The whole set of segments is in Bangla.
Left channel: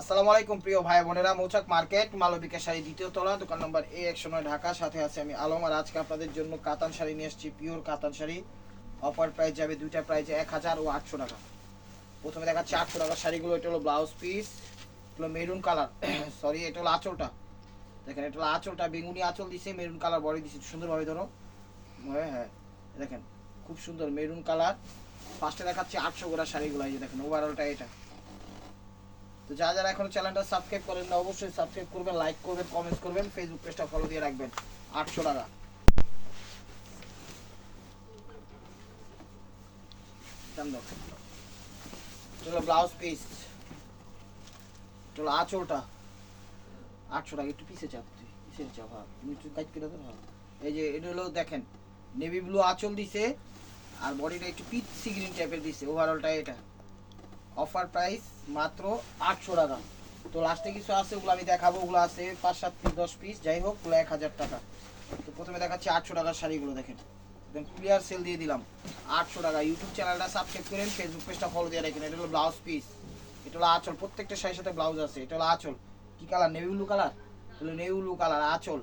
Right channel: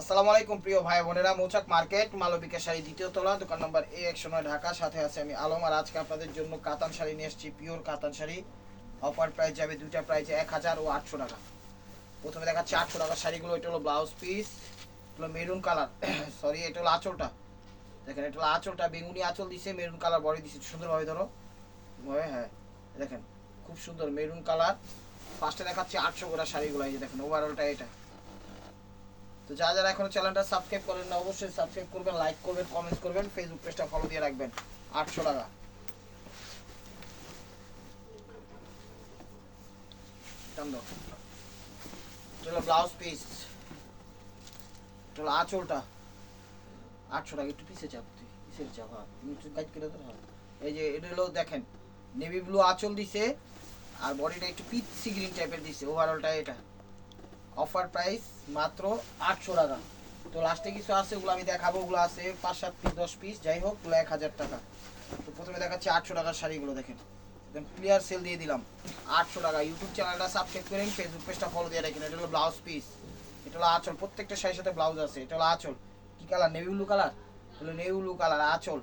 আসসালামু আলাইকুম প্রিয় ভাই বোনেরা, মৌচাক মার্কেট, মালবিকা শাড়ি দ্বিতীয় তলা, দোকান নম্বর এ একশো নয়, ঢাকা। সাথে আছে আমি আলম, আর আজকে আপনাদের জন্য কাতান শাড়ি নিয়ে এসেছি পিওর কাতান শাড়ি। অফার প্রাইস যাবে দুইটা প্রাইস এক হাজার ও আটশো টাকা। প্রথমে দেখাচ্ছি আটশো টাকার শাড়িগুলো, এটা হলো ব্লাউজ পিস হলো মেরুন কালার সরি এটা হলো আঁচলটা। দেখেন, এটা হলো আঁচলটা, বেগুনি আঁচল দিছে মেরুন কালার বডি দিছে সুন্দরভাবে ধরো। হ্যাঁ হ্যাঁ দেখেন, খুব সুন্দর মেরুন কালার ফার্স্টে দেখাচ্ছি আটশো করে শাড়িগুলো, এই যে দেখেন ওভারঅলটা এটা। তো যারা যারা এখনও চ্যানেলটা সাবস্ক্রাইব করেন না, অবশ্যই সাবস্ক্রাইব করবেন লাইক করবেন কমেন্টস করবেন ফেসবুক পেজটা ফলো দিয়ে রাখবেন। আটশো টাকা। চলো ব্লাউজ পিস চলো আঁচলটা। আটশো টাকা, একটু পিসে চাপ তুই পিসের চাপ হ্যাঁ। নিচু কাজ করে তো এই যে, এটা হলো দেখেন নেভি ব্লু আঁচল দিছে, আর বডিটা একটু পিচ সি গ্রিন টাইপের দিছে ওভারঅলটা এটা। অফার প্রাইস মাত্র আটশো টাকা। তো লাস্টে কিছু আছে, ওগুলো আমি দেখাবো। ওগুলো আছে পাঁচ, সাত পিস দশ পিস যাই হোক, ওগুলো এক হাজার টাকা। তো প্রথমে দেখাচ্ছি আটশো টাকার শাড়িগুলো, দেখেন। একদম ক্লিয়ার সেল দিয়ে দিলাম। আটশো টাকা। ইউটিউব চ্যানেলটা সাবস্ক্রাইব করেন ফেসবুক পেজটা ফলো দিয়ে রাখেন। এটা হলো ব্লাউজ পিস এটা হলো আঁচল। প্রত্যেকটা শাড়ির সাথে ব্লাউজ আছে। এটা হলো আঁচল। কি কালার নেভি ব্লু কালার হলো নেভি ব্লু কালার আঁচল।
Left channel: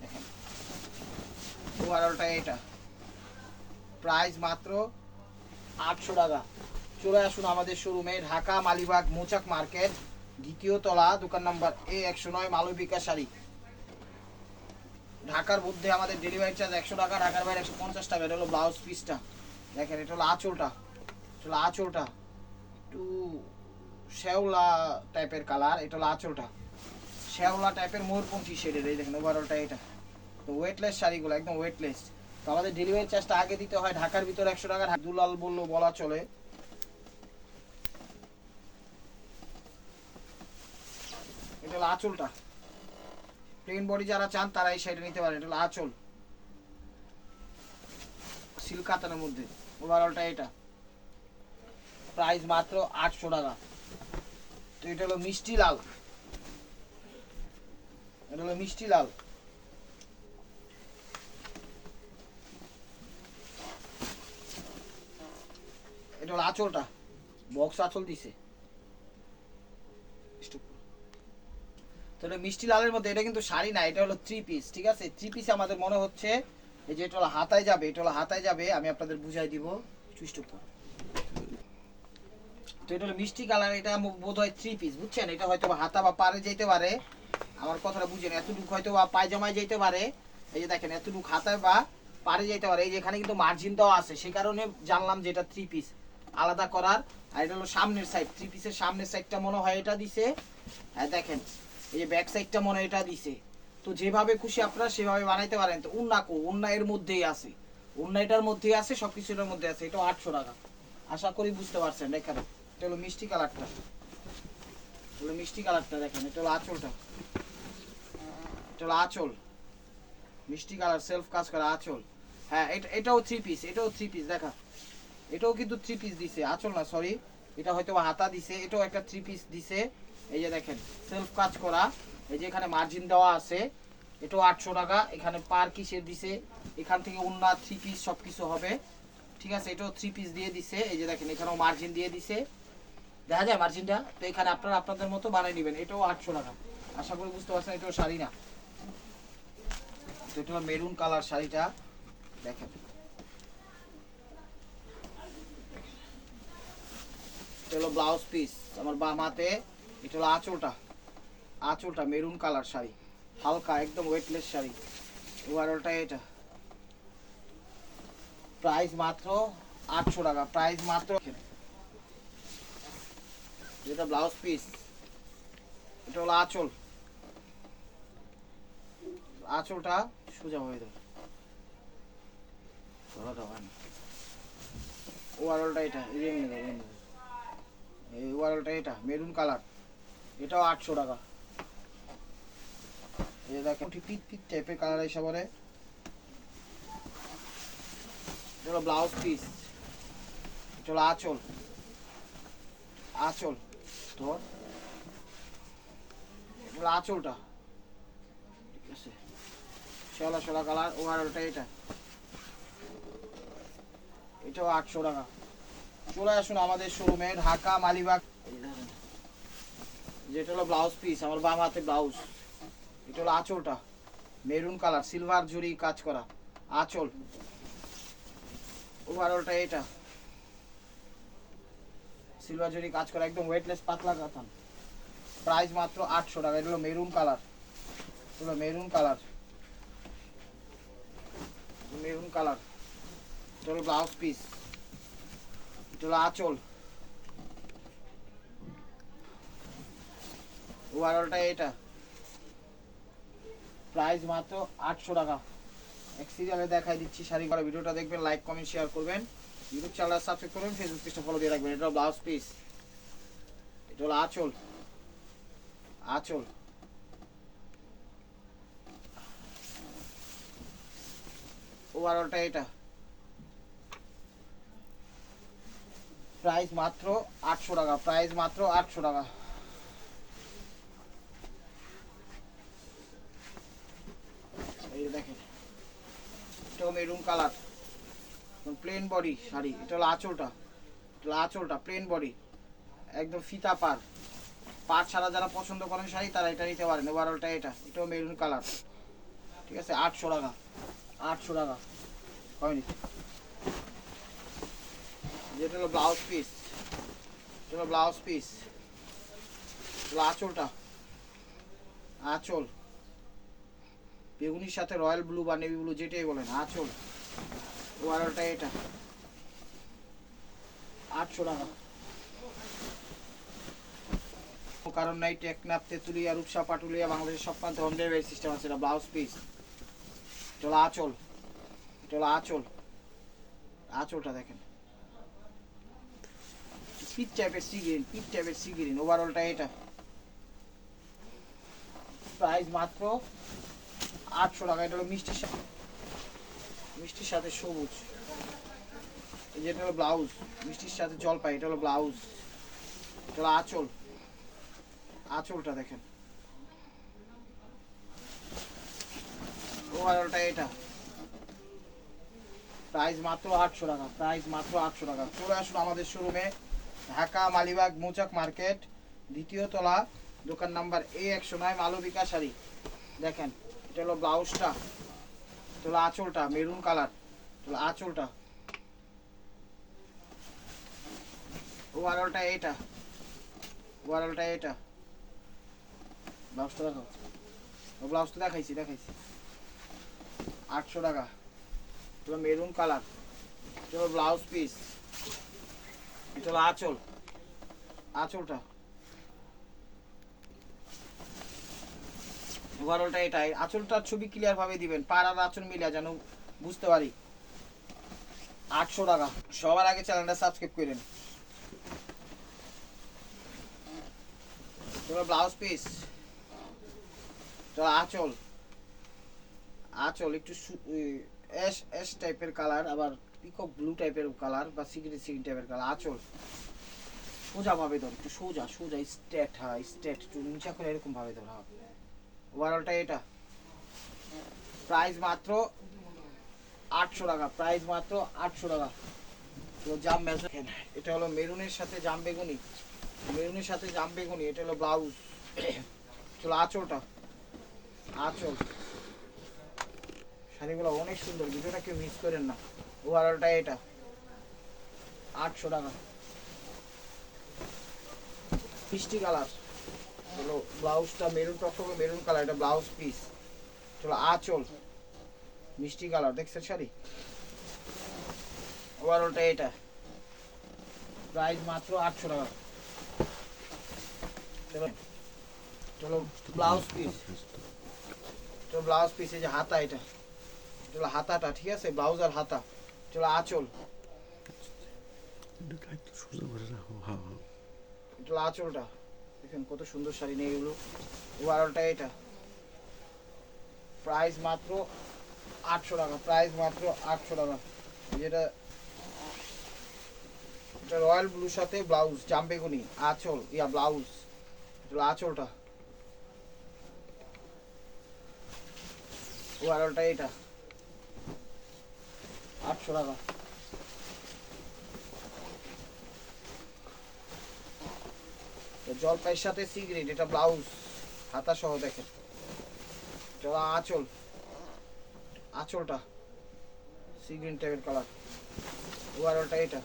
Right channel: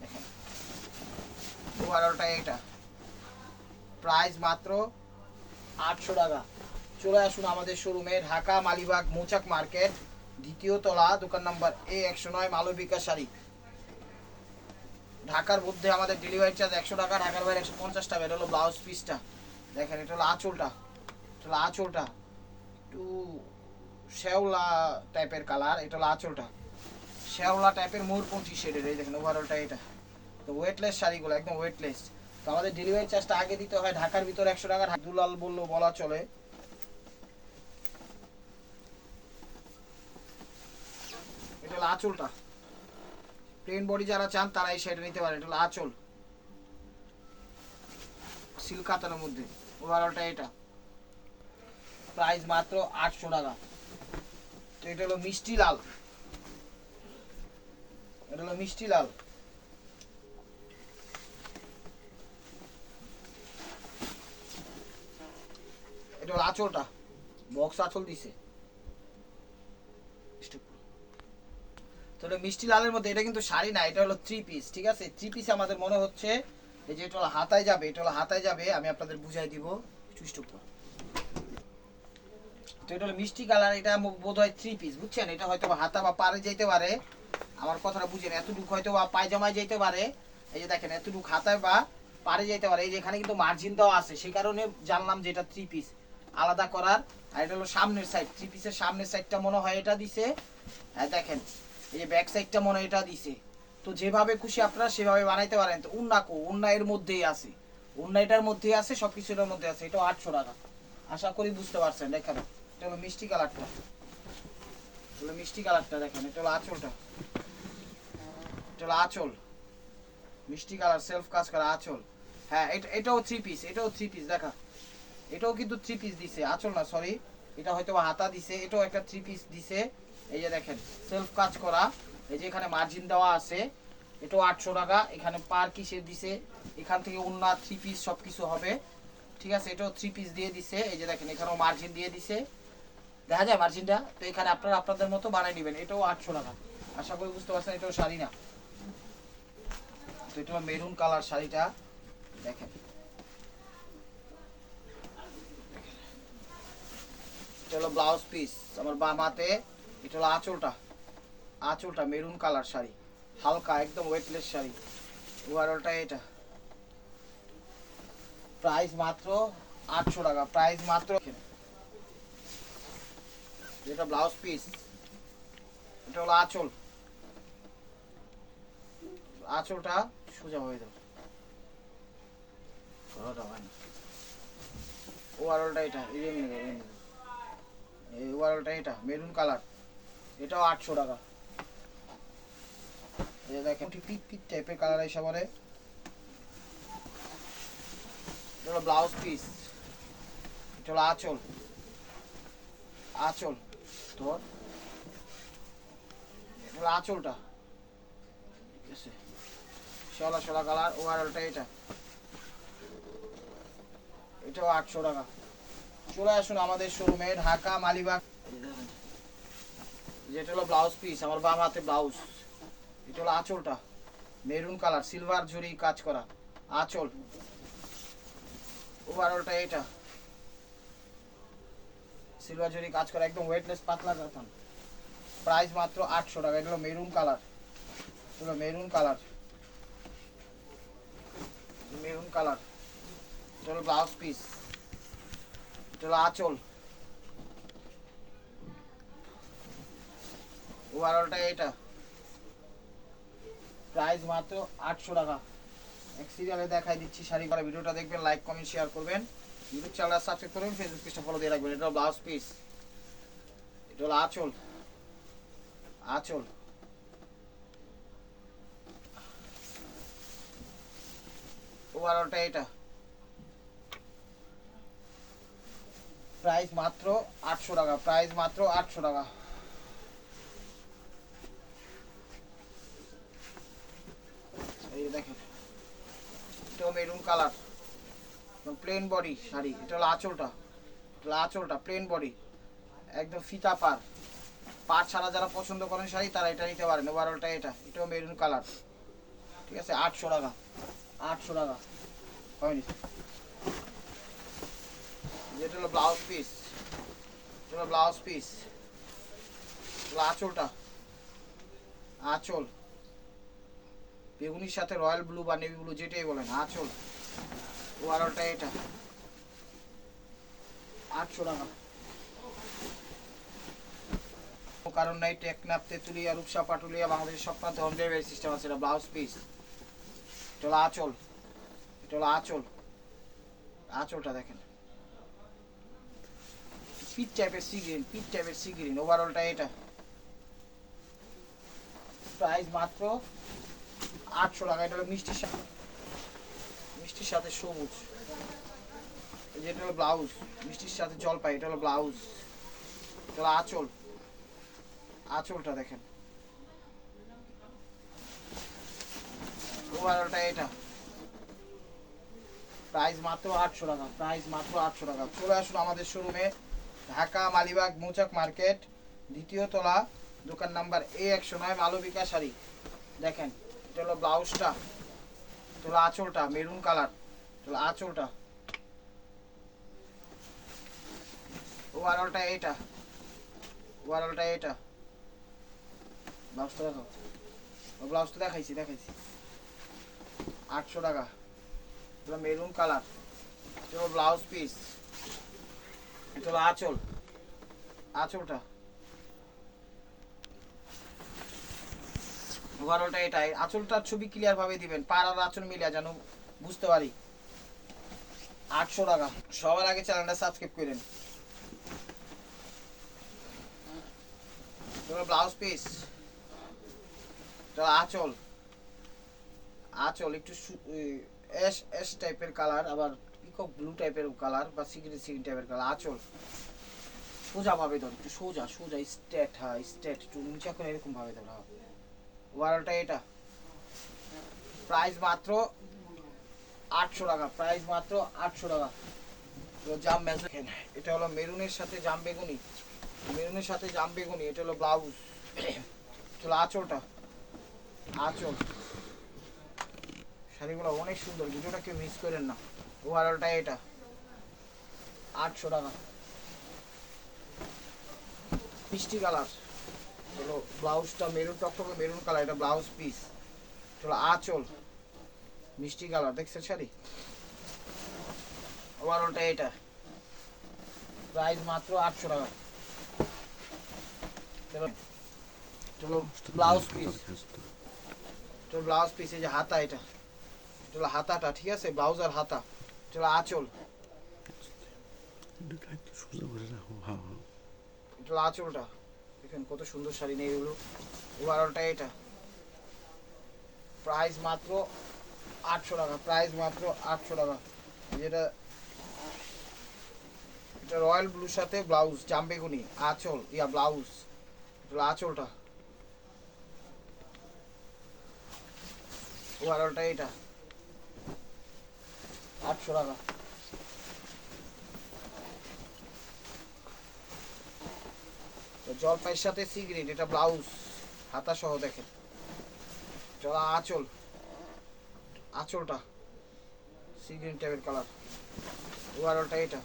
দেখেন। ওভারঅলটা এটা। প্রাইস মাত্র আটশো টাকা। চলে আসুন আমাদের শোরুমে ঢাকা, মালিবাগ, মৌচাক মার্কেট, দ্বিতীয় তলা, দোকান নাম্বার এ একশো নয়, মালবিকা শাড়ি। ঢাকার মধ্যে আমাদের ডেলিভারি চার্জ একশো টাকা, ঢাকার বাইরে একশো পঞ্চাশ টাকা এটা হলো ব্লাউজ পিসটা দেখেন, এটা হলো আঁচলটা, এটা হলো আঁচলটা। একটু শ্যাওলা টাইপের কালার এটা হলো আঁচলটা। শ্যাওলা টাইপের ময়ূরপঞ্চি শেডের এই দেখেন ওভারঅলটা এটা। তো ওয়েটলেস শাড়িগুলো, একদম ওয়েটলেস তো আমাদের ডেলিভারি চার্জটা আগে দিতে হয় ঢাকার ভিতরে একশো টাকা দুলাল বলল, বলা চলে। এটা হলো আঁচলটা। প্লেন বডি যারা চান তারা এই শাড়িটা নিতে পারে এটা হলো আঁচল। সিল্ক কাতানের মধ্যে ওভারঅলটা এটা। প্রাইস মাত্র আটশো টাকা। তো এটা হলো মিষ্টি লাল। এটা হলো মিষ্টি লাল। এটা হলো আঁচলটা। বক্স আঁচল দিছে। তো মিষ্টি লালের মধ্যে, এটা কিন্তু শাড়ি না, এটা হলো থ্রি পিস ঠিক আছে? থ্রি পিস আমাদের মনে হচ্ছে এই যে এটা হলো হাতায় যাবে, এটা হলো হাতায় যাবে, আমি আপনাদের বুঝাই দিব চুষ্ট তো এটা হলো মিষ্টি কালার, এটা বোধ হয় থ্রি পিস বুঝছেন? এটা হয়তো হাতা বা পারে যেতে পারে, আমার কথাটা বুঝেন, এতটুকু হয়তো বা পায়জামায় যেতে পারে, এই যে দেখেন, এতটুকু হাতায় বা পারে যেতে পারে, এই যে এখানে কিন্তু মার্জিন দেওয়া আছে সেই কারণে জানলাম যে এটা থ্রি পিস আলাদা করার, আর এটা হলো সামনের সাইড থ্রি পিসের সামনের সাইডটা মনে হয় এটা দিছে হ্যাঁ দেখেন এই ব্যাক সাইডটা মনে এটা দিছে। তো যেভাবে খুশি আপনারা সেভাবে বানাইতে পারেন। তো উন্না কো, উন্না এর মধ্যেই আছে। উন্না এটার মধ্যেই আছে সব মধ্যে আছে। এটা আটশো টাকা। আশা করি বুঝতে পারছেন এখানে এটা হলো মিষ্টি কালারটা। হলো মিষ্টি কালারটা, দেখেন। এটা হলো আঁচলটা। এটা হলো আঁচল। মিষ্টি কালার সেলফ কাজ করা আঁচল। হ্যাঁ এটা, এটাও থ্রি পিস এটাও থ্রি পিস দেখা। এটাও কিন্তু থ্রি পিস দিছে। আঁচল না সরি এটা হয়তো হাতা দিছে, এটাও একটা থ্রি পিস দিছে। এই যে দেখেন সেলফ কাজ করা, এই যে এখানে মার্জিন দেওয়া আছে, এটাও আটশো টাকা, এখানে পার কিসের দিছে, এখান থেকে অন্য থ্রি পিস সব কিছু হবে, ঠিক আছে? এটাও থ্রি পিস দিয়ে দিছে, এই যে দেখেন, এখানেও মার্জিন দিয়ে দিছে। দেখা যায় মার্জিনটা তো এখানে আপনারা আপনাদের মতো বানিয়ে নেবেন, এটাও আটশো টাকা। আশা করি বুঝতে পারছেন, এটাও শাড়ি না। তো এটা মেরুন কালার শাড়িটা, দেখেন। ব্লাউজ পিস আমার বাম হাতে এটা হলো আঁচলটা। আঁচলটা, মেরুন কালার শাড়ি। হালকা, একদম ওয়েটলেস শাড়ি। ওভারঅলটা এটা। প্রাইস মাত্র আটশো টাকা। প্রাইস মাত্র এটা ব্লাউজ পিস এটা হলো আঁচল। আঁচলটা সোজা হয়ে দেবো ওভারঅলটা এটা। এই ওভারঅলটা এটা, মেরুন কালার। এটাও আটশো টাকা। টাইপের কালার এটা ব্লাউজ পিস হলো আঁচল। আঁচল। এটা আঁচলটা। এটা। এটাও আটশো টাকা। চলে আসুন আমাদের শোরুমে ঢাকা, মালিবাগ। যেটা হলো ব্লাউজ পিস আমার বাম হাতে ব্লাউজ এটা হলো আঁচলটা। মেরুন কালার সিলভার জুড়ি কাজ করা। আঁচল। ওভারঅলটা এটা। সিলভার জুড়ি কাজ করা, একদম ওয়েটলেস পাতলা কাতান। প্রাইস মাত্র আটশো টাকা। এটা হলো মেরুন কালার এটা হলো মেরুন কালার মেরুন কালার এটা হলো ব্লাউজ পিস এটা হলো আঁচল। ওভারঅলটা এটা। প্রাইস মাত্র আটশো টাকা। এক সিরিয়ালে দেখাই দিচ্ছি শাড়ি করা ভিডিওটা দেখবেন লাইক কমেন্ট শেয়ার করবেন। ইউটিউব চ্যানেল সাবস্ক্রাইব করবেন ফেসবুক পেজটা ফলো দিয়ে রাখবেন। এটা ব্লাউজ পিস এটা হলো আঁচল। আঁচল। ওভারঅলটা এটা। প্রাইস মাত্র আটশো টাকা। প্রাইস মাত্র আটশো টাকা এই যে দেখেন এটাও maroon colour plain body sari, এটা হলো আঁচলটা। এটা আঁচলটা প্লেন বডি একদম ফিতা পার পার ছাড়া যারা পছন্দ করেন শাড়ি, তারা এটা নিতে পারেন। ওভারঅলটা এটা, এটাও মেরুন কালার ঠিক আছে? আটশো টাকা। আটশো টাকা। হয়নি। যেটা হলো ব্লাউজ পিস এটা হলো ব্লাউজ পিস আঁচলটা। আঁচল। বেগুনির সাথে রয়্যাল ব্লু বা নেভি ব্লু যেটাই বলেন, আঁচল। ওভারঅলটা এটা। আটশো টাকা। কারণ নাই টেকনাপ তেঁতুলিয়া, রূপসা, পাটুলিয়া, বাংলাদেশের সব প্রান্তে হোম ডেলিভারি সিস্টেম আছে, এটা ব্লাউজ পিস এটা আঁচল। এটা হলো আঁচল। আঁচলটা দেখেন। পিট টাইপের সি গ্রিন পিট টাইপের সি গ্রিন ওভারঅলটা এটা। প্রাইস মাত্র আটশো টাকা, এটা হলো মিষ্টির সাথে। মিষ্টির সাথে সবুজ। এই যে এটা হলো ব্লাউজ, মিষ্টির সাথে জলপাই, এটা হলো ব্লাউজ। এটা হলো আঁচল। আঁচলটা দেখেন। ওভারঅলটা এটা। প্রাইস মাত্র আটশো টাকা, প্রাইস মাত্র আটশো টাকা। চলে আসুন আমাদের শোরুমে ঢাকা, মালিবাগ, মৌচাক মার্কেট, দ্বিতীয় তলা, দোকান নাম্বার এ একশো নয়, মালবিকা শাড়ি। দেখেন। এটা হলো ব্লাউজটা, এটা আঁচলটা, মেরুন কালার, এটা হলো আঁচলটা। ওভারঅলটা এটা ওভারঅলটা এটা ব্লাউজটা দেখো, ও ব্লাউজটা দেখাইছি দেখাইছি। আটশো টাকা, এটা মেরুন কালার, এটা ব্লাউজ পিস, এটা আঁচল, আঁচলটা। ওভারঅলটা এটাই আঁচলটার ছবি ক্লিয়ার ভাবে দিবেন। পার আর আঁচল মিলিয়ে যেন বুঝতে পারি। আটশো টাকা। সবার আগে চ্যানেলটা সাবস্ক্রাইব করেন ব্লাউজ পিস আঁচল। আঁচল একটু সু- উই, অ্যাশ অ্যাশ টাইপের কালার আবার পিকক ব্লু টাইপের কালার বা সিগরি সিগরি টাইপের কালার আঁচল। সোজা ভাবে ধর একটু সোজা সোজা স্ট্রেট হ্যাঁ স্ট্রেট একটু নিচা করে এরকম ভাবে ধর হ্যাঁ ওভারঅলটা এটা। প্রাইস মাত্র আটশো টাকা প্রাইস মাত্র আটশো টাকা। তো জাম এটা হলো মেরুনের সাথে জাম বেগুনি। মেরুনের সাথে জাম বেগুনি, এটা হলো ব্লাউজ চলো আঁচলটা, আঁচল। শাড়িগুলো অনেক সুন্দর ভিডিওটা কেউ মিস করেন না। ওভারঅলটা এটা, আটশো টাকা। মিষ্টি কালার হলো ব্লাউজটা মেরুন টকটকে মেরুন কালার এটা ব্লাউজ পিস হলো আঁচল মিষ্টি কালার দেখছেন শাড়ি? ওভারঅলটা এটা। প্রাইস মাত্র আটশো টাকা। চলো চলো ব্লাউজ পিস চলো ব্লাউজ পিস এই যে হাতা এটা। চলো হাতাটা ঠিক আছে? ব্লাউজ আর হাতা। চলো আঁচল। হ্যাঁ হ্যাঁ। চলো আঁচলটা। দেখেন কত সুন্দর শাড়ি নিয়ে এগুলো। ওভারঅলটা এটা। প্রাইস মাত্র আটশো টাকা প্রাইস মাত্র আটশো টাকা। যেটা এটা রয়্যাল ব্লুর সাথে ব্লাউজ জামবেগুনি আঁচল, ইয়া ব্লাউজ আঁচলটা। ওভারঅলটা এটা। আটশো টাকা। জলপাইয়ের সাথে সিগারেট, এটা ব্লাউজ হাতা সহ দেখেন। চলো, আঁচল। আঁচলটা। সিগ্রিন টাইপের কালার। ওভারঅলটা এটা।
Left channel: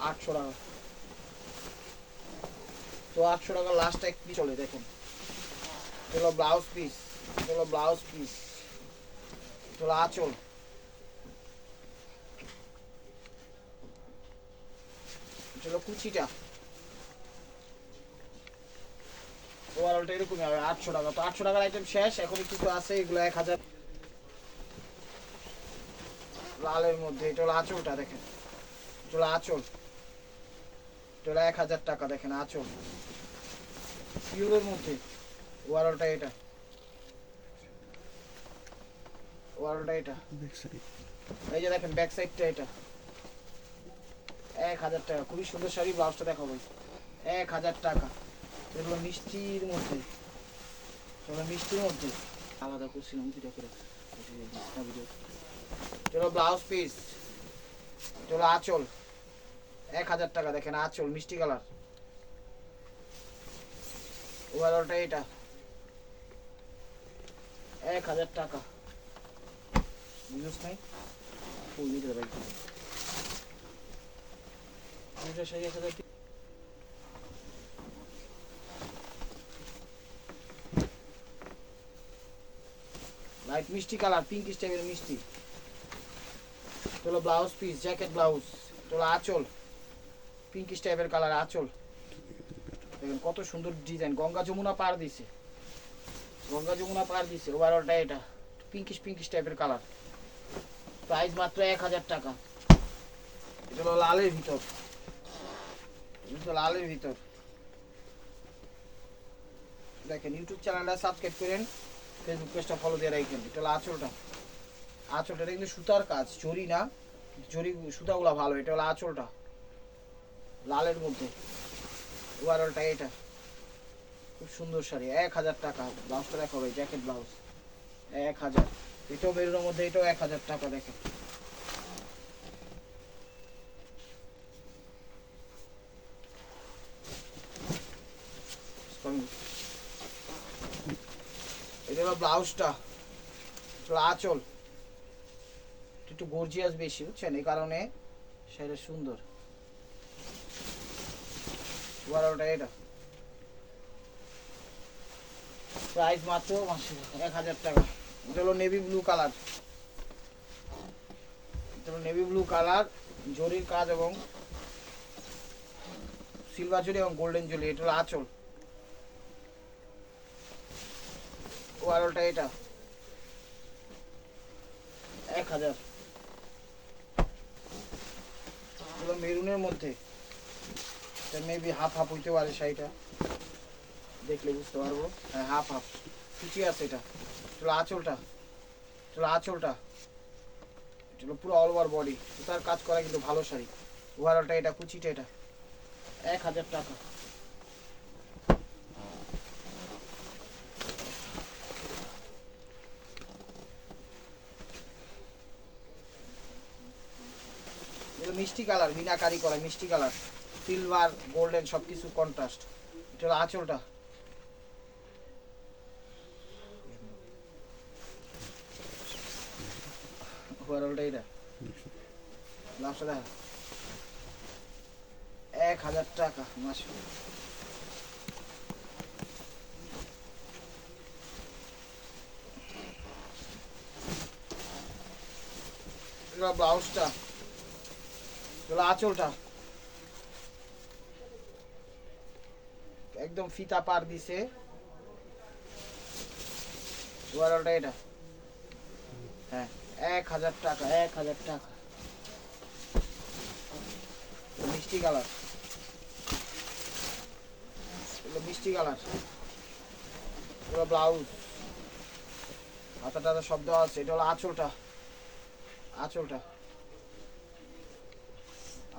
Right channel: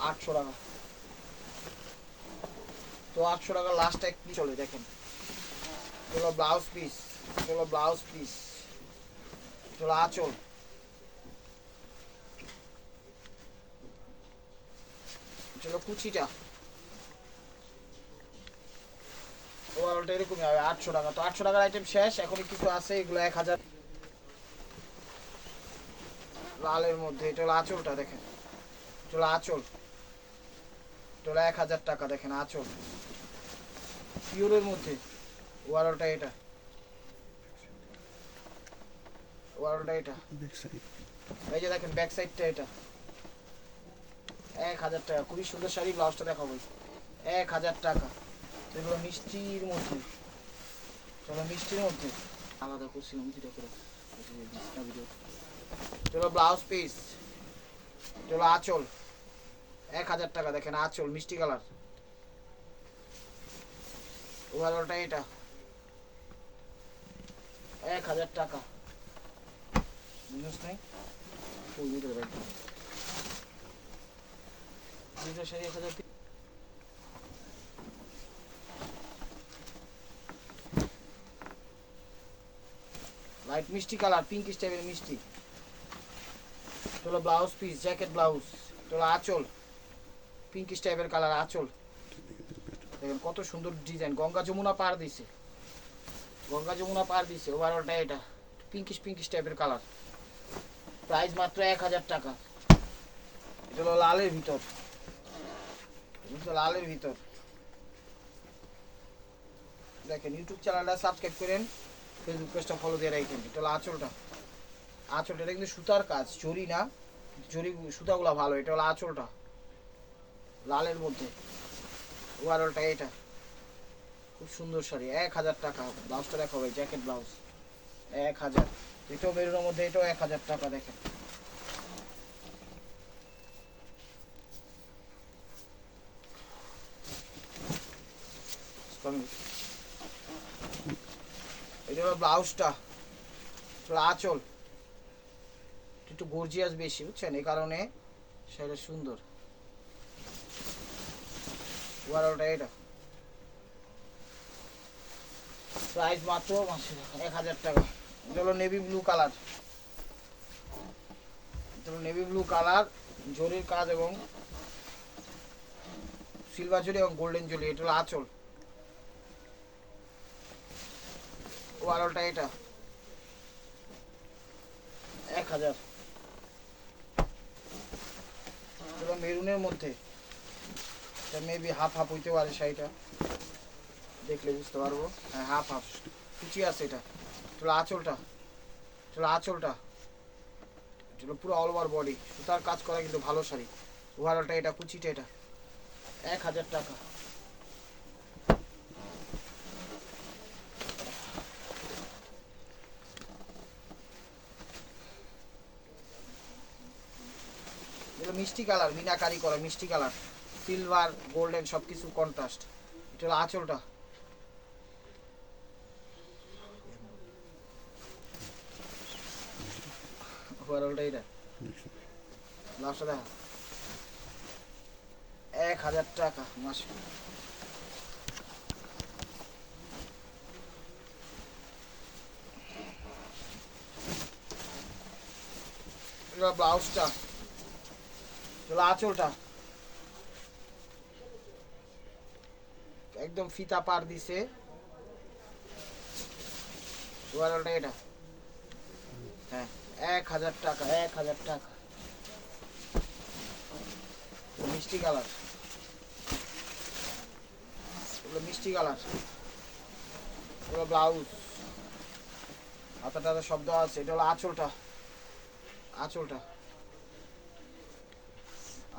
আটশো টাকা। তো আটশো টাকা লাস্টটা কি চলে দেখেন? চলো ব্লাউজ পিস চলো ব্লাউজ পিস চলো, আঁচল। চলো কুচিটা ওভারঅলটা এরকমই হবে আটশো টাকা। তো আটশো টাকার আইটেম শেষ এখন কিছু আছে এগুলো এক হাজার। লালের মধ্যে এটা হলো আঁচলটা দেখেন। এটা হলো আঁচল। এটা হলো এক হাজার টাকা দেখেন আঁচল। পিওরের মধ্যে ওভারঅলটা এটা। ওভারঅলটা এটা। এই যে দেখেন ব্যাক সাইডটা এটা। এক হাজার টাকা। খুবই সুন্দর শাড়ি ব্লাউজটা দেখাবো। এক হাজার টাকা। এগুলো মিষ্টির মধ্যে। চলো মিষ্টির মধ্যে। আলাদা করছিলাম দুটো করে। চলো ব্লাউজ পিস চলো আঁচল। এক হাজার টাকা, দেখেন আঁচল, মিষ্টি কালার ওভারঅলটা এটা। এক হাজার টাকা। বুঝছ নাই ফুল দিতে রাখব দুইটা শাড়ি এক হাজার টাকা। লাইট মিষ্টি কালার পিঙ্ক টাইপের মিষ্টি। চলো ব্লাউজ পিস জ্যাকেট ব্লাউজ চলো আঁচল। পিঙ্ক টাইপের কালার আঁচল। কত সুন্দর ডিজাইন গঙ্গা যমুনা পার দিছে। গঙ্গা যমুনা পার দিছে ওভারঅলটা এটা। পিঙ্কিশ পিঙ্কিশ টাইপের কালার প্রাইস মাত্র এক হাজার টাকা। এটা লালের ভিতর। লালের ভিতর। দেখেন ইউটিউব চ্যানেলটা সাবস্ক্রাইব করেন ফেসবুক পেজটা ফলো দিয়ে রাখুন এটা হলো আঁচলটা। আঁচলটা, এটা কিন্তু সুতার কাজ জরি না। জরি সুতাগুলো ভালো, এটা হলো আঁচলটা। লালের মধ্যে। ওভারঅলটা এটা। খুব সুন্দর শাড়ি, এক হাজার টাকা। ব্লাউজটা দেখা হবে জ্যাকেট ব্লাউজ। এক হাজার। এটাও বেরোনোর মধ্যে এটাও এক হাজার টাকা, দেখেন। এটা হলো ব্লাউজটা। আঁচল একটু গর্জিয়াস বেশি, বুঝছেন? এই কারণে সেটা সুন্দর। ওয়ারটা এটা। প্রাইস মাত্র এক হাজার টাকা। এটা হলো নেভি ব্লু কালার এটা হলো নেভি ব্লু কালার জরির কাজ এবং সিলভার জরি এবং গোল্ডেন জরি এটা হলো আঁচল। ওয়ারলটা এটা। এক হাজার। এগুলো মেরুনের মধ্যে মেবি হাফ হাফ হইতে পারে শাড়িটা। দেখলে বুঝতে পারব। হ্যাঁ হাফ হাফ কুচি আছে এটা। চলো আঁচলটা। চলো আঁচলটা। চলো পুরো অল ওভার বডি সুতার কাজ করা কিন্তু ভালো শাড়ি। ওভারঅলটা এটা, কুচিটা এটা। এক হাজার টাকা এগুলো মিষ্টি কালার মিনাকারি করা মিষ্টি কালার। সিলভার গোল্ডেন সব কিছু কন্ট্রাস্ট এটা আঁচলটা। ব্লাউজটা চলো আঁচলটা একদম ফিতা পার দিছে। ওভারঅলটা এটা। হ্যাঁ এক হাজার টাকা, এক হাজার টাকা। মিষ্টি কালার। মিষ্টি কালার। এগুলো ব্লাউজ। হাতা টাতা সব দেওয়া আছে, এটা হলো আঁচলটা। আঁচলটা।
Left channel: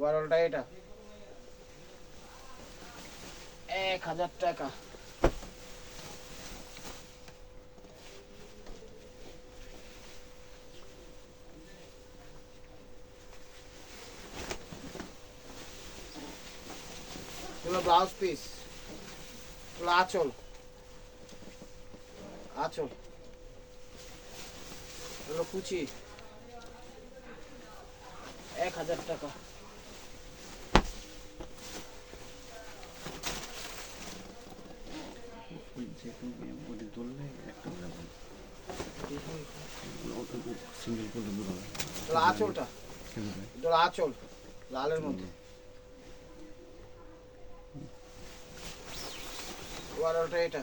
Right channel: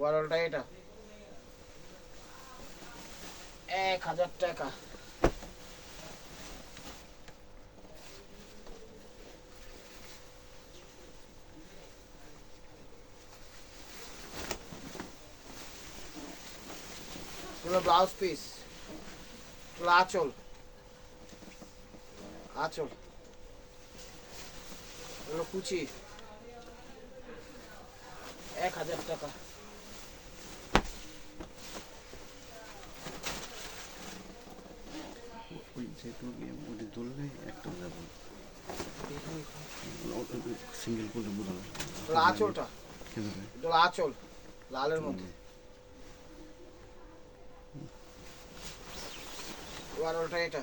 ওভারঅলটা এটা। এক হাজার টাকা। ব্লাউজ পিস আঁচল। আঁচল। কুচি। এক হাজার টাকা। যেহেতু ওটি তুলবে একটা যাবে সিঙ্গেল করলে বুড়ো আঁচলটা? এটা হলো আঁচল লালের মধ্যে। বারোটা এটা।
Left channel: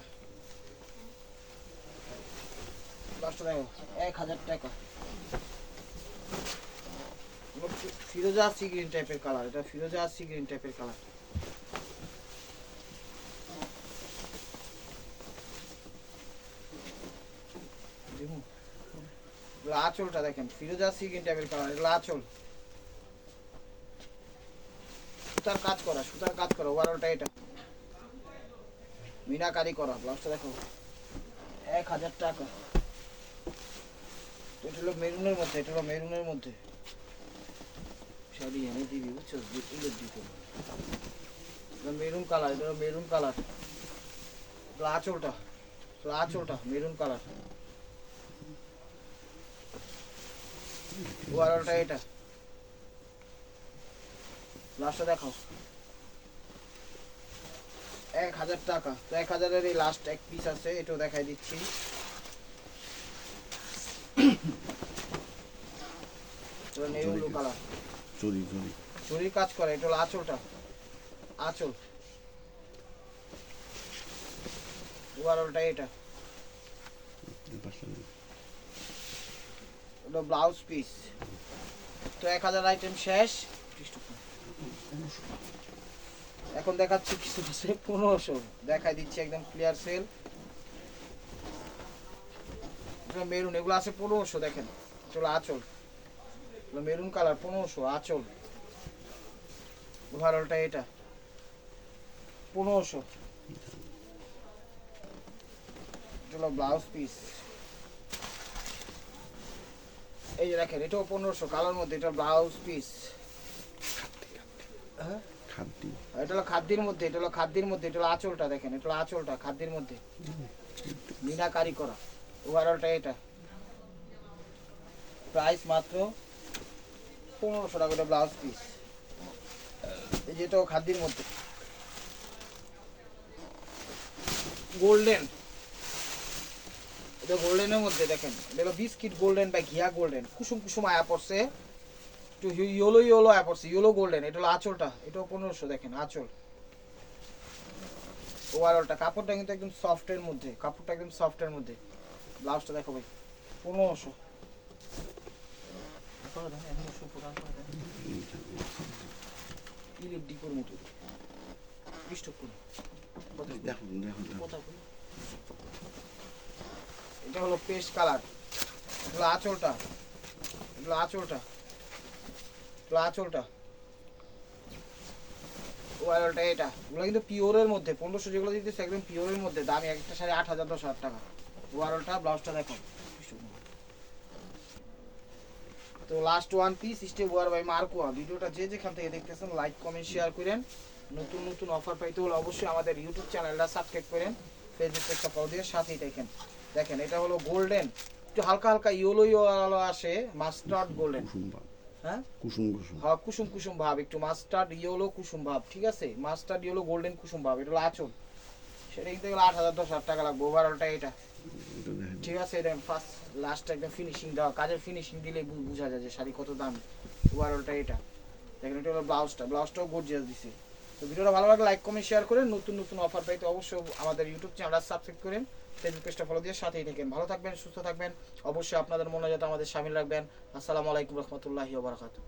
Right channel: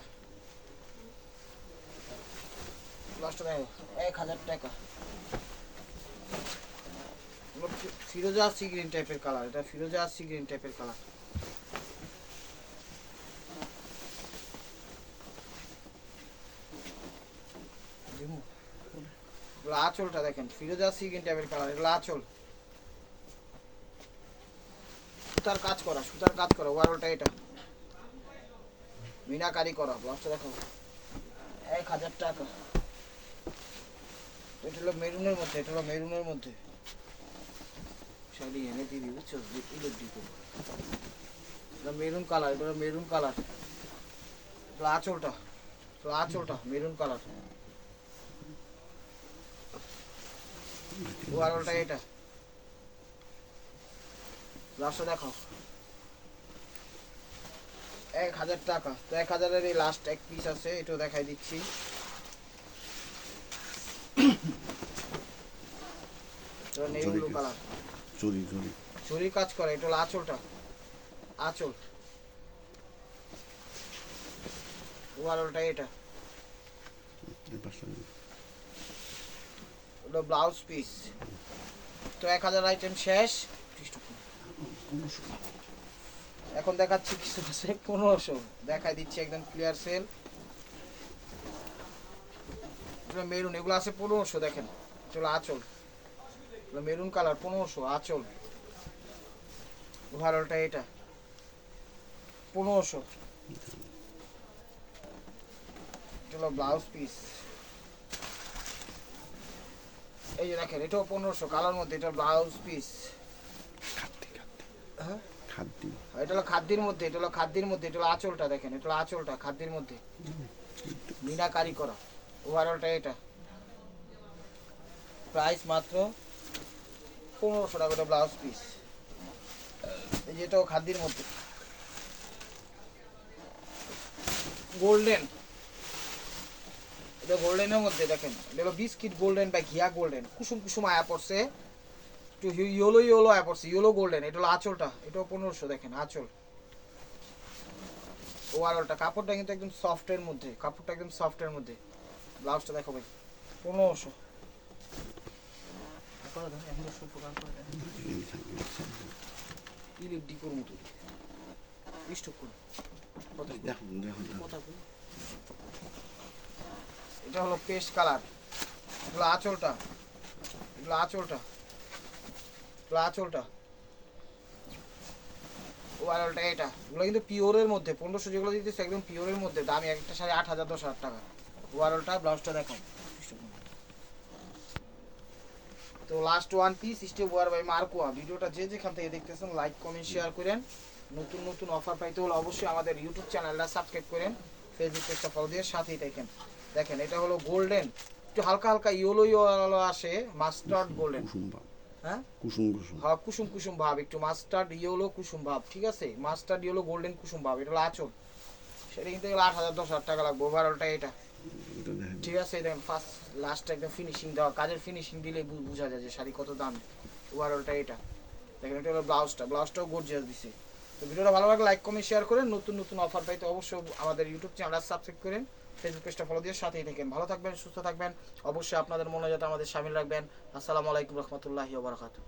দশটা টাকা এক হাজার টাকা। ফিরোজা সি গ্রিন টাইপের কালার এটা ফিরোজা সি গ্রিন টাইপের কালার আঁচলটা দেখেন, ফিরোজা সি গ্রিন টাইপের কালার এগুলো আঁচল। সুতার কাজ করা, সুতার কাজ করা বারোটা এটা। মিনাকারি করা ব্লাউজটা দেখো। এক হাজার টাকা। এটা হলো মেরুনের মধ্যে, এটা হলো মেরুনের মধ্যে। শাড়ি এনে দিবি, বুঝছ? ইলের দিকে এটা মেরুন কালার এটা মেরুন কালার আঁচলটা আঁচলটা, মেরুন কালার বারোটা এটা। লাস্টটা দেখো। এক হাজার টাকা। তো এক হাজারের এই লাস্ট এক পিস আছে এটাও দেখাই দিচ্ছি। কালার চুরি চুরি। কাজ করে এটা হলো আঁচলটা। আঁচল। ওভারঅলটা এটা। ওটা ব্লাউজ পিস তো এক হাজার আইটেম শেষ। এখন দেখাচ্ছি কিছু পনেরোশো। দেখাই দিচ্ছি একদম ক্লিয়ার সেল মেরুন এগুলো আছে পনেরোশো, দেখেন। চলো আঁচল। মেরুন কালার পনেরোশো, আঁচল। ওভারঅলটা এটা। পনেরোশো। চলো ব্লাউজ পিস এই যে দেখেন এটাও পনেরোশো কালার মধ্যে এটা ব্লাউজ পিস হ্যাঁ? এটা হলো খাদ্যের মধ্যে এটা হলো খাদ্যের মধ্যে এটা হলো আঁচলটা দেখেন এটা হলো আঁচলটা খাদ্যের মধ্যে। মিনাকারি করা ওভারঅলটা এটা। প্রাইস মাত্র পনেরোশো টাকা ব্লাউজ পিস এই যে এটাও খাদ্যের মধ্যে। গোল্ডেন এটা গোল্ডেনের মধ্যে দেখেন। এটা হলো বিস্কিট গোল্ডেন বা ঘিয়া গোল্ডেন। কুসুম কুসুম আয়া পড়ছে। একটু ইয়েলো ইয়েলো আয়া পড়ছে। Yellow golden. এটা হলো আঁচলটা। এটাও পনেরোশো দেখেন আঁচল। ওভারঅলটা কাপড়টা কিন্তু একদম সফটের মধ্যে। কাপড়টা একদম সফটের মধ্যে। ব্লাউজটা দেখো ভাই। পনেরোশো। ডিপোর মতো। স্টক করুন কত দেখুন দেখুন দেখুন। কথা। এটা হলো পেস্ট কালার। এগুলো আঁচলটা। এগুলো আঁচলটা। এগুলো আঁচলটা। ওয়ারলটা এটা। এগুলো কিন্তু পিওরের মধ্যে। পনেরোশো যেগুলো দিতেছে একদম পিওরের মধ্যে। দাম একটা সাড়ে আট হাজার, দশ হাজার টাকা। ওয়ারলটা ব্লাউজটা দেখেন। তো লাস্ট ওয়ান পিস স্টেপ ওয়ার বাই মার্কোয়া ভিডিওটা যে যেখান থেকে দেখতেছেন লাইক কমেন্ট শেয়ার করেন। নতুন নতুন অফার পাইতে হলে অবশ্যই আমাদের ইউটিউব চ্যানেলটা সাবস্ক্রাইব করেন। ফেসবুক ফলো দিয়ে সাথেই দেখেন। দেখেন এটা হলো গোল্ডেন একটু হালকা হালকা ইয়েলো ইয়েলো আসে মাস্টার্ড গোল্ডেন হ্যাঁ? কুসুম কুসুম। হ্যাঁ কুসুম কুসুম ভাব একটু মাস্টার্ড ইয়েলো কুসুম ভাব ঠিক আছে? মাস্টার্ড ইয়েলো গোল্ডেন কুসুম ভাব এটা হলো আচল। সেটা কিন্তু গেলে আট হাজার দশ হাজার টাকা লাগবে ওভারঅলটা এটা। ঠিক আছে দেখেন ফার্স্ট লাস্ট একদম ফিনিশিং দেওয়া। কাজের ফিনিশিং দিলে বোঝা যায় যে শাড়ি কত দাম। ওভারঅলটা এটা। দেখেন এটা হলো ব্লাউজটা। ব্লাউজটাও গর্জিয়াস দিছে। তো ভিডিওটা ভালো লাগলে লাইক কমেন্ট শেয়ার করেন নতুন নতুন অফার পাইতে অবশ্যই আমাদের ইউটিউব চ্যানেলটা সাবস্ক্রাইব করেন ফেসবুক পেজটা ফলো দিয়ে সাথেই থাকেন। ভালো থাকবেন, সুস্থ থাকবেন। অবশ্যই আপনাদের মনে যাতে আমাদের সামিল রাখবেন। আসসালামু আলাইকুম রহমতুল্লাহি ওবরাকাতুহ